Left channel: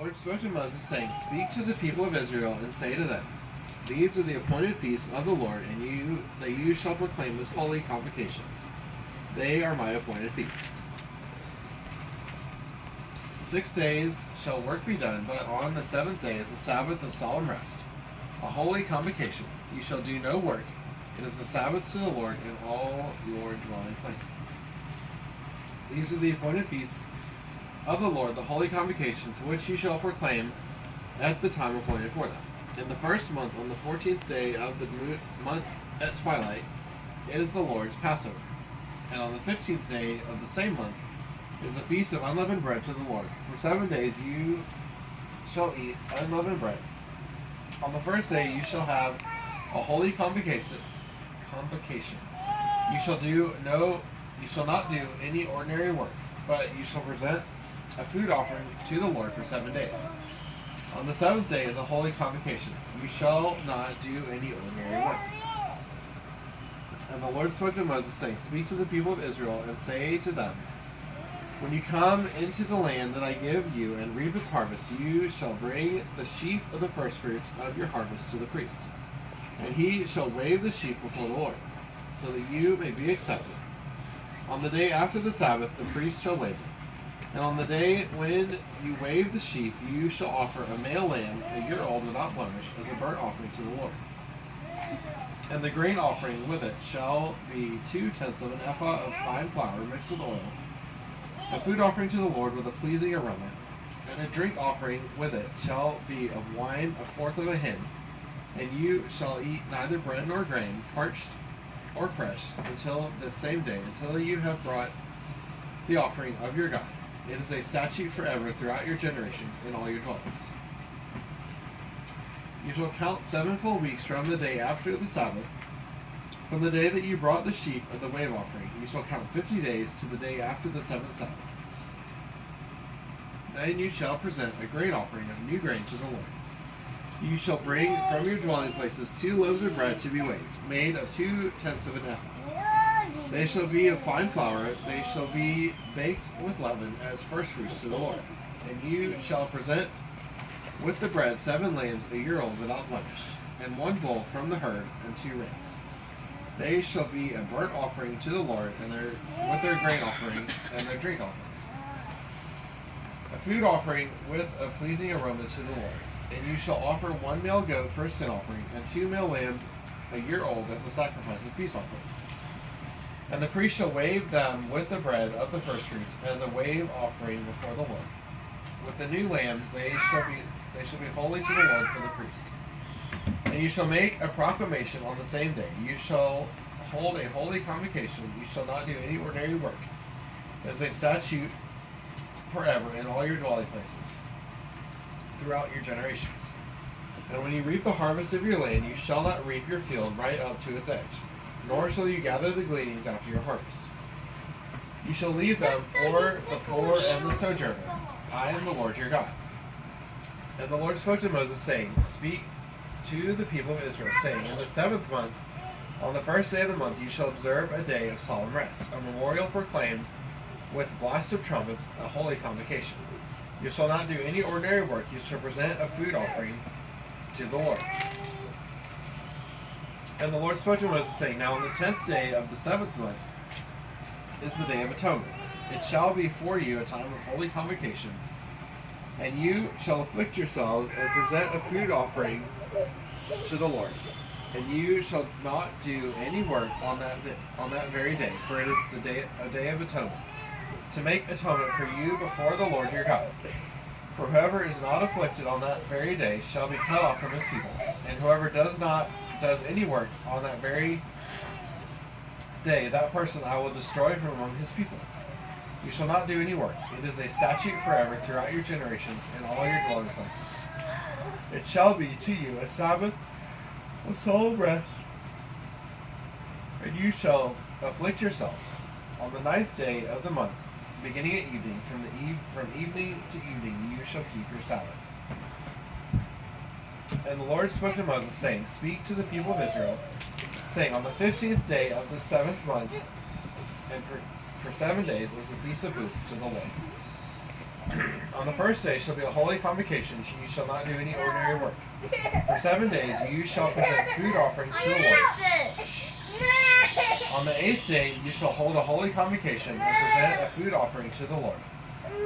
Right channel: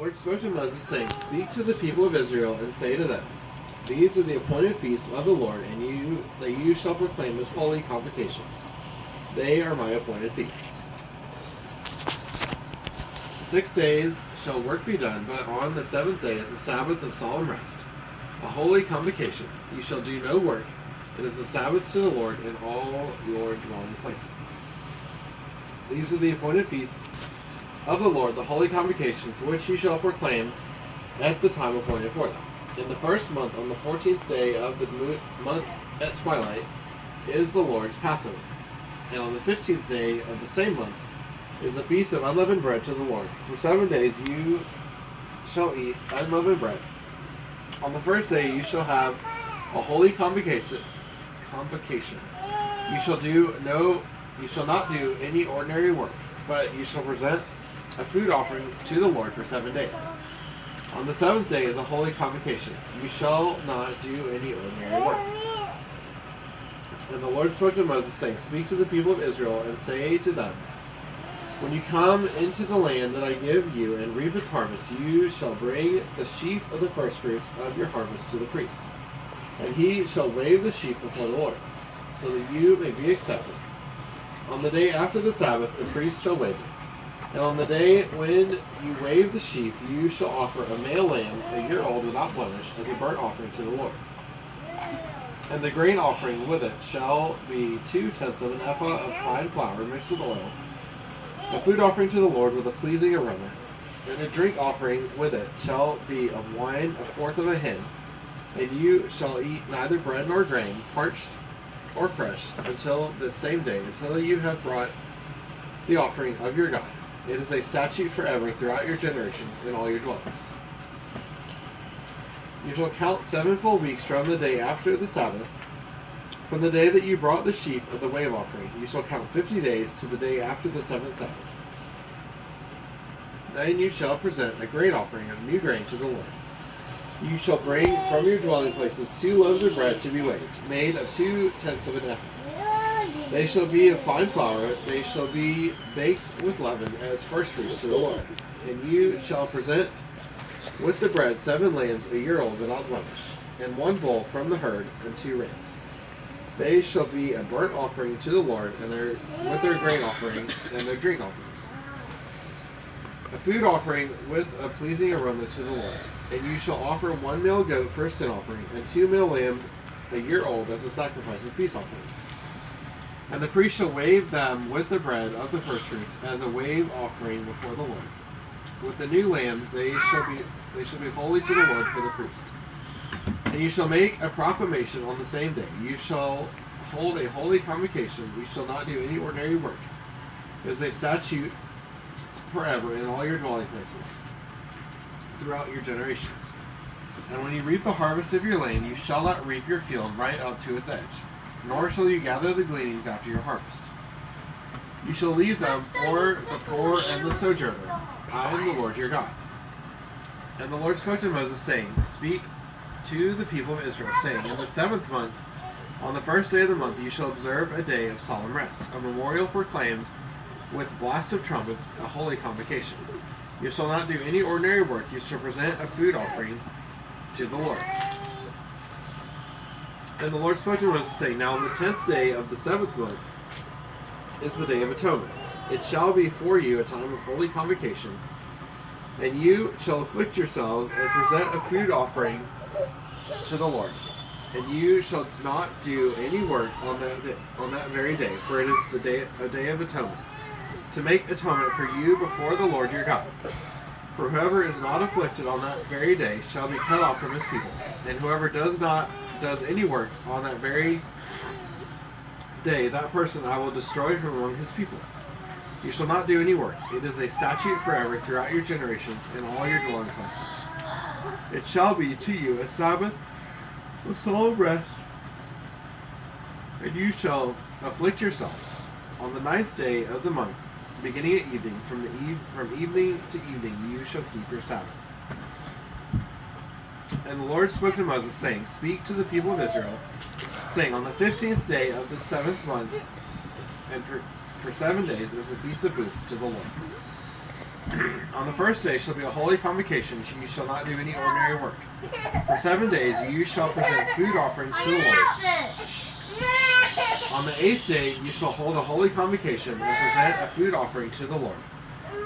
Lord spoke to Moses, saying, Speak to the people of Israel, and say to them, These are the appointed feasts of the Lord, and you shall proclaim as holy convocations. They are my appointed feasts. 6 days shall work be done, but on the 7th day is the Sabbath of solemn rest, a holy convocation. You shall do no work. It is the Sabbath to the Lord in all your dwelling places. These are the appointed feasts of the Lord, the holy convocations, which you shall proclaim at the time appointed for them. In the first month, on the 14th day of the month at twilight, is the Lord's Passover. And on the 15th day of the same month is the feast of unleavened bread to the Lord. For 7 days you shall eat unleavened bread. On the first day you shall have a holy convocation. You shall not do any ordinary work, but you shall present a food offering to the Lord for 7 days. On the 7th day is a holy convocation. You shall not do any ordinary work. And the Lord spoke to Moses, saying, Speak to the people of Israel, and say to them, When you come into the land that I give you and reap its harvest, you shall bring the sheaf of the firstfruits of your harvest to the priest. And he shall wave the sheaf before the Lord, so that you may be accepted. On the day after the Sabbath, the priest shall wave it. And on the day when you wave the sheaf, you shall offer a male lamb, a year old without blemish, as a burnt offering to the Lord. And the grain offering with it shall be 2/10 of an ephah of fine flour mixed with oil, a food offering to the Lord with a pleasing aroma. And the drink offering with it shall be of wine, 1/4 of a hin. And you shall eat neither bread nor grain, parched or fresh, until this same day, until you have brought the offering of your God. It is a statute forever throughout your generations in all your dwellings. You shall count 7 full weeks from the day after the Sabbath, from the day that you brought the sheaf of the wave offering. You shall count 50 days to the day after the 7th Sabbath. Then you shall present a grain offering of new grain to the Lord. You shall bring from your dwelling places 2 loaves of bread to be waved, made of 2/10 of an ephah. They shall be of fine flour. They shall be baked with leaven as firstfruits to the Lord. And you shall present with the bread 7 lambs a year old without blemish, and 1 bull from the herd, and 2 rams. They shall be a burnt offering to the Lord, and with their grain offering and their drink offerings. A food offering with a pleasing aroma to the Lord. And you shall offer 1 male goat for a sin offering, and 2 male lambs a year old as a sacrifice of peace offerings. And the priest shall wave them with the bread of the firstfruits as a wave offering before the Lord. With the new lambs they shall be holy to the Lord for the priest. And you shall make a proclamation on the same day. You shall hold a holy convocation. You shall not do any ordinary work. As a statute forever in all your dwelling places, throughout your generations. And when you reap the harvest of your land, you shall not reap your field right up to its edge, nor shall you gather the gleanings after your harvest. You shall leave them for the poor and the sojourner. I am the Lord your God. And the Lord spoke to Moses, saying, Speak to the people of Israel, saying, In the 7th month, on the 1st day of the month, you shall observe a day of solemn rest, a memorial proclaimed with blast of trumpets, a holy convocation. You shall not do any ordinary work. You shall present a food offering to the Lord. And the Lord spoke to Moses, saying, Now on the 10th day of the 7th month is the Day of Atonement. It shall be for you a time of holy convocation, and you shall afflict yourselves and present a food offering to the Lord. And you shall not do any work on that very day, for it is a day of atonement, to make atonement for you before the Lord your God. For whoever is not afflicted on that very day shall be cut off from his people, and whoever does any work on that very day, that person I will destroy from among his people. You shall not do any work. It is a statute forever throughout your generations in all your dwelling places. It shall be to you a Sabbath of solemn rest, and you shall afflict yourselves. On the 9th day of the month, beginning at evening, from evening to evening, you shall keep your Sabbath. And the Lord spoke to Moses, saying, Speak to the people of Israel, saying, On the 15th day of the 7th month, and for 7 days is the Feast of Booths to the Lord. On the first day shall be a holy convocation. You shall not do any ordinary work. For 7 days you shall present food offerings to the Lord. On the 8th day you shall hold a holy convocation and present a food offering to the Lord.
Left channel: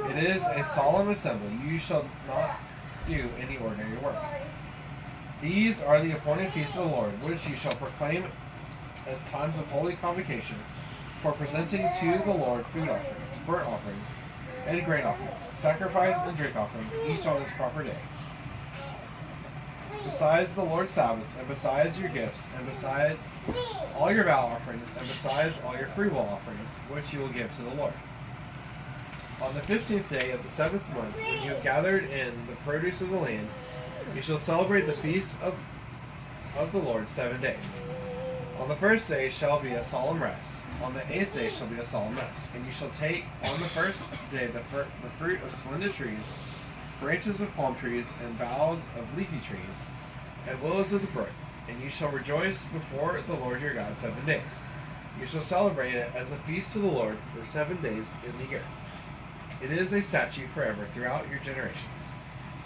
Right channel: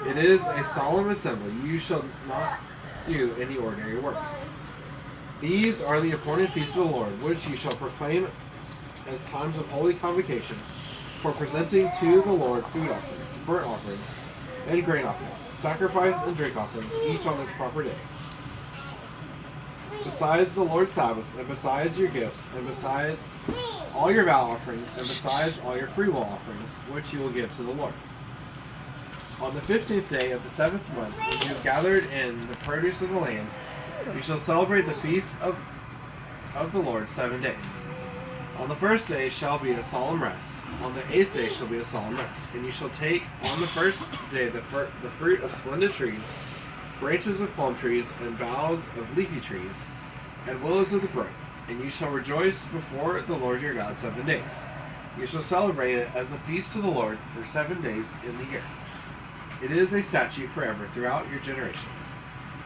It is a solemn assembly. You shall not do any ordinary work. These are the appointed feasts of the Lord, which you shall proclaim as times of holy convocation, for presenting to the Lord food offerings, burnt offerings, and grain offerings, sacrifice and drink offerings, each on its proper day. Besides the Lord's Sabbaths, and besides your gifts, and besides all your vow offerings, and besides all your freewill offerings, which you will give to the Lord. On the 15th day of the 7th month, when you have gathered in the produce of the land, you shall celebrate the feast of the Lord 7 days. On the first day shall be a solemn rest. On the 8th day shall be a solemn rest. And you shall take on the first day the fruit of splendid trees, branches of palm trees, and boughs of leafy trees, and willows of the brook. And you shall rejoice before the Lord your God 7 days. You shall celebrate it as a feast to the Lord for 7 days in the year. It is a statute forever throughout your generations.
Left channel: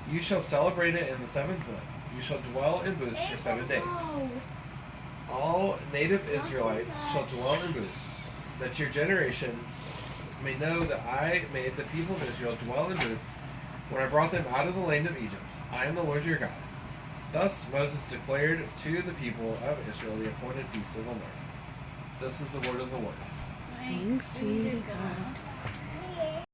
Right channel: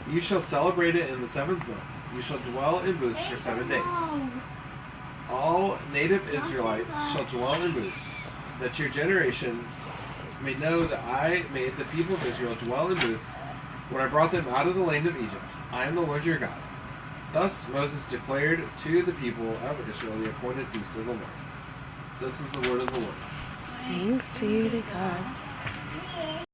You shall celebrate it in the 7th month. You shall dwell in booths for 7 days. All native Israelites shall dwell in booths, that your generations may know that I made the people of Israel dwell in booths when I brought them out of the land of Egypt. I am the Lord your God. Thus Moses declared to the people of Israel the appointed feasts of the Lord. This is the word of the Lord. Thanks be to God.